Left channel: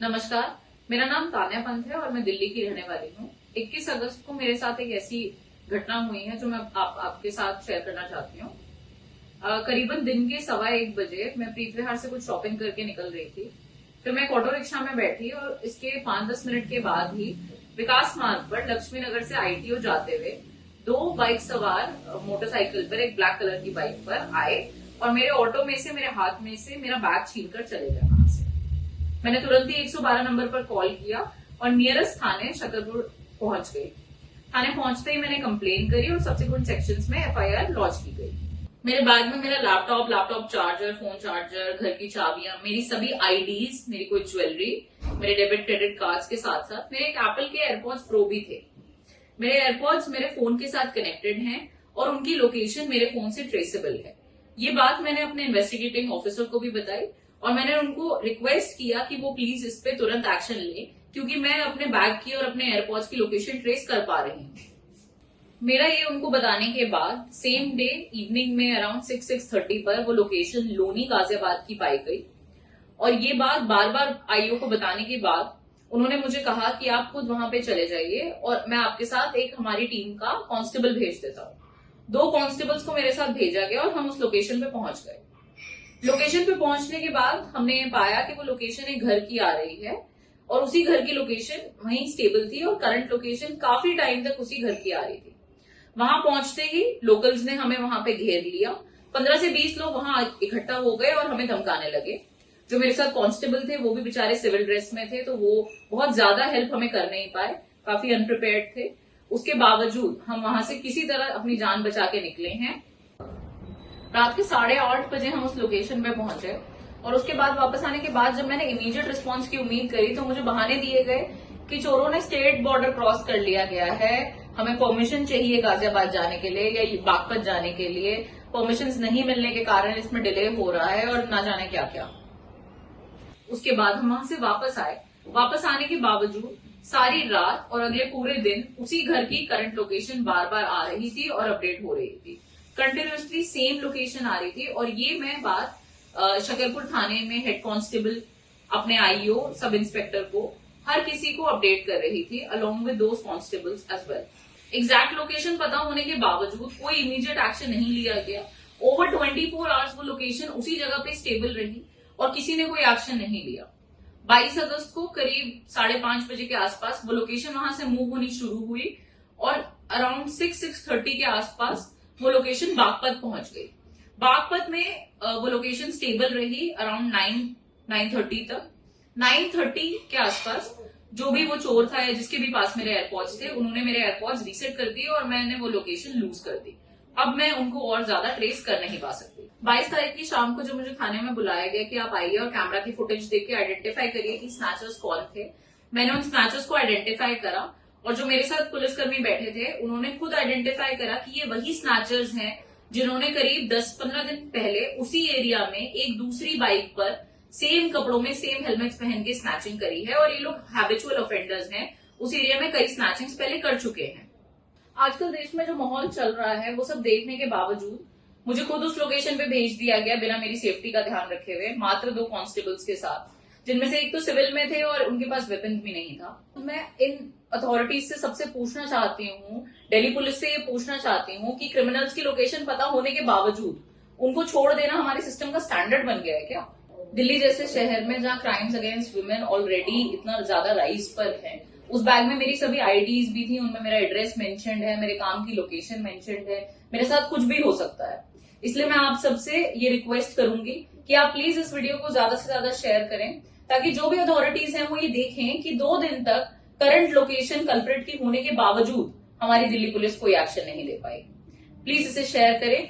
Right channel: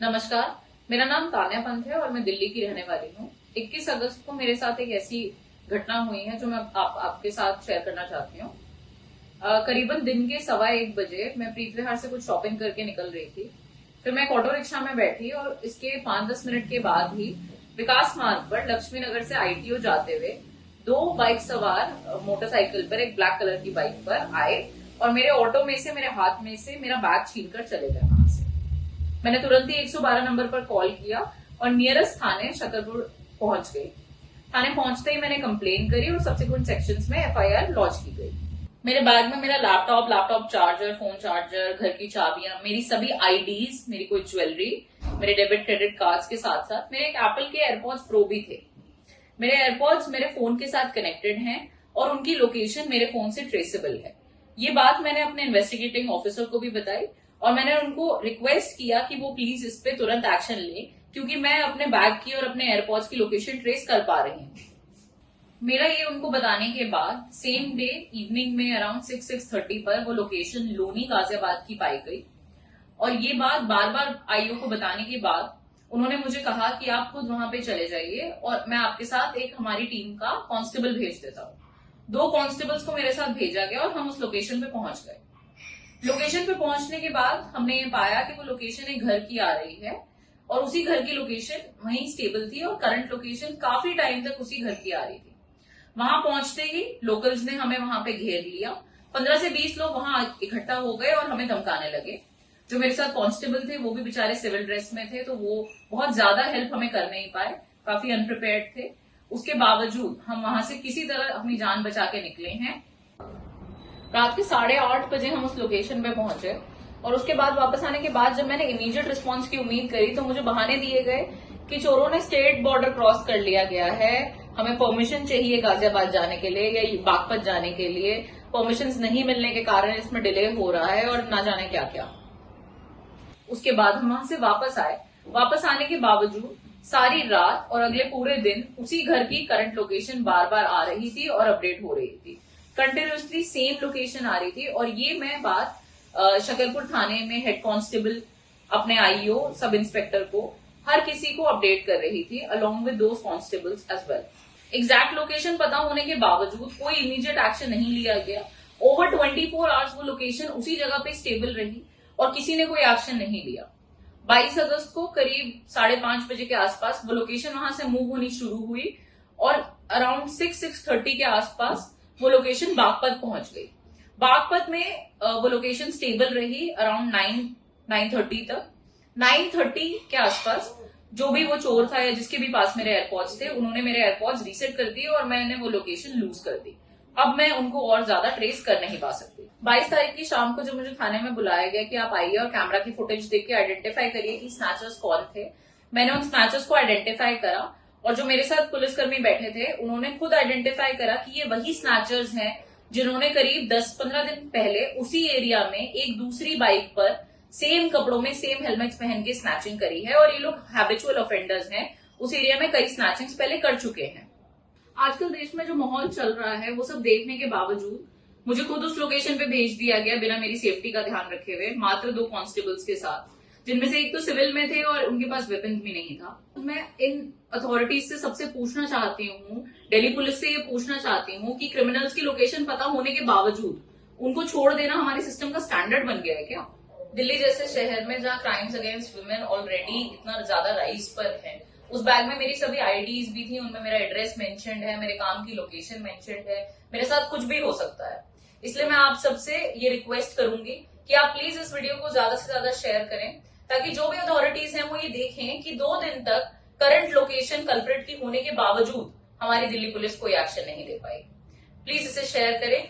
नमस्कार। मेरा नाम तान्या पंत है और मैं दिल्ली की रहने वाली हूँ। 21 अगस्त को मेरे साथ एक ऐसी घटना हुई है जो मैं आपके साथ शेयर करना चाहती हूँ। करीबन दिन के 1:15 बजे मैं प्रीत विहार से कुछ शॉपिंग करके निकल रही थी। फिर मैं एक ऑटो रिक्शा में बैठी और इसके 5-10 मिनट के बाद ही विकास मार्ग पर लक्ष्मी नगर से आईटीओ जाते हुए दो बाइक सवार मोटरसाइकिल पर, एक ब्लैक कलर की बाइक पर आए और मेरे ऑटो में से, मेरे हाथ में से मेरा बैग छीनकर चले गए वहां से। मैंने तुरंत ही 112 नंबर पर कॉल किया और नियरेस्ट थाने शकरपुर पहुंच गई। थाने पहुंचते ही मैंने कंप्लेन करी और सब्सिक्वेंट सेक्शंस में एफआईआर लॉन्च की गई। मेरे बैग में मेरा लैपटॉप चार्जर, फोन चार्जर, घर की चाबियां, मेरी सभी आईडीज, मेरी कोई ज्वेलरी, मेरे डेबिट क्रेडिट कार्ड्स के साथ साथ मेरे एक एप्पल के एयरपॉड्स प्रो भी थे। मेरे एयरपॉड्स मेरे फोन के साथ कनेक्टेड हैं और उनकी लोकेशन मेरे फोन से ट्रेसेबल है। ये बात मैंने अपने इन्वेस्टिगेटिंग ऑफिसर को भी बताई और मैंने उनको रिक्वेस्ट किया कि वो प्लीज इस पे तुरंत एक्शन ले, क्योंकि मैं अपने बैग की और अपने एयरपॉड्स की लोकेशन ट्रेस कर पा रही हूँ। मेरा ये उनको बताने के बाद सेम डे इवनिंग में अराउंड 6-6:30 पर वो लोकेशन लोनी गाजियाबाद की पाई गई। और ये बात बार बार आईओ को बताने के बाद उन्होंने मुझे कहा कि आप खुद वहां पे चले जाइए और मैं आपके साथ एक हमारी टीम का कांस्टेबल भेज देता हूँ। 2 कांस्टेबल्स को मेरे साथ भेजा गया और हम उस लोकेशन पे पहुंच गए। लोकेशन पे पहुंचने के बाद हमने ये पाया कि वो लोकेशन एक घर की आ रही है और उसी घर की लोकेशन वहीं स्टेबल थी और करंट लोकेशन काफी टाइम तक उसी घर की आ रही थी। वहां पहुंचते ही लोकल्स ने हमें वहां पे घेर लिया। 15 से 20 लोग वहां इकट्ठा हो गए और हमें धमकाने लगे। जो मेरे साथ कांस्टेबल थे वो भी बेचारे सिविल ड्रेस में थे, तो वो बहुत ज्यादा हेल्प हमें कर नहीं पाए, काफी अनप्रिपेयर्ड थे। उसके बावजूद हम वहां से किसी तरह अपनी जान बचा के निकले हैं। रात के 8:30 बजे हम उस लोकेशन पे पहुंचे और उसके बाद वापस आने के बाद जब मैंने इमीडिएट रिस्पांस की उम्मीद करी तो मुझे बहाने दिए गए कि चोरों ने स्टेट बॉर्डर क्रॉस कर लिया गया है, हमें परमिशन चाहिए गाजियाबाद जाने के लिए या बागपत जाने के लिए, परमिशन नहीं मिलने के कारण इसमें डिले हो रहा है और ना जाने क्या क्या। उसके बाद हम वहां से वापस आए। वापस आने के बावजूद सारी रात और अगले पूरे दिन उसी घर की करंट लोकेशन बार बार आ रही थी और अपडेट हो रही थी। कंटिन्यूसली सेम लोकेशन आ रही थी और ये मैं बात शकरपुर थाने में हेड कांस्टेबल, अपने आईओ, सब इंस्पेक्टर को, हर किसी को अपडेट कर रही थी along with those constables as well. Exact location पता होने के बावजूद कोई इमीडिएट एक्शन नहीं लिया गया। ओवर 24 आवर्स वो लोकेशन उसी जगह पे स्टेबल रही और किसी ने कोई एक्शन नहीं लिया। 22 अगस्त को करीब 5:30 बजे के आसपास वो लोकेशन वहां से मूव होनी शुरू हुई और अराउंड 6-6:30 के आसपास वो लोकेशन बागपत पहुंच गई। बागपत में वो लोकेशन स्टेबल रही अराउंड 9-9:30 तक। 9:30 के आसपास जो भी वो चोर था या जिसके भी पास मेरे एयरपॉड्स थे, उन्होंने मेरे एयरपॉड्स रीसेट कर दिए और मैंने वो लोकेशन लूज कर दी। अब मैं उनको और ज्यादा ट्रेस कर नहीं पा सकती। 22 तारीख की शाम को जब मुझे थाने में बुलाया गया कि आप आइए और कैमरा की फुटेज देख के आइडेंटिफाई करिए कि स्नैचर्स कौन थे, मैंने उन स्नैचर्स को आइडेंटिफाई करा और जो मेरे साथ पुलिसकर्मी बैठे थे उन्होंने खुद आइडेंटिफाई करा कि ये वही स्नैचर्स हैं जिन्होंने करीब 10-15 दिन पहले उसी एरिया में एक दूसरी बाइक पर सेम कपड़ों में, सेम हेलमेट्स पहन के स्नैचिंग करी है और ये लोग हैबिचुअल ऑफेंडर्स हैं। उस एरिया में कई स्नैचिंग्स पहले कर चुके हैं। आजकल देश में जो माहौल चल रहा है वो सब देखने के बावजूद मुझे खुद उस लोकेशन पे भेज दिया गया बिना मेरी सेफ्टी का ध्यान रखे हुए, मात्र 2 कांस्टेबल्स के साथ, जिनमें से एक तो सिविल में थे और उनके पास वेपन भी नहीं था। मैं इन अथॉरिटीज से सबसे पूछना चाहती हूँ, दिल्ली पुलिस से ये पूछना चाहती हूँ कि क्रिमिनल्स की लोकेशन पता होने के बावजूद उनको छोड़ देना हमारे सिस्टम का स्टैंडर्ड बन गया है क्या? दिल्ली जैसे शहर में जहाँ क्राइम्स अगेंस्ट वुमेन ऑलरेडी इतना ज्यादा राइज पर है, उस बैग में मेरी सभी आईडीज भी थी, उनमें मेरा एड्रेस मेंशन्ड है, मेरे काम की लोकेशन मेंशन्ड है, मेरे साथ कुछ भी हो सकता है। इसलिए मैं आप सबसे ये रिक्वेस्ट करूंगी कि आप प्लीज इस वीडियो को ज्यादा से ज्यादा शेयर करें ताकि जो भी अथॉरिटीज हैं वो ये देखें कि 2 दिन तक करंट लोकेशन कल्प्रिट की होने के बावजूद हमारी दिल्ली पुलिस कोई एक्शन नहीं ले पाई। प्लीज इसे शेयर करें।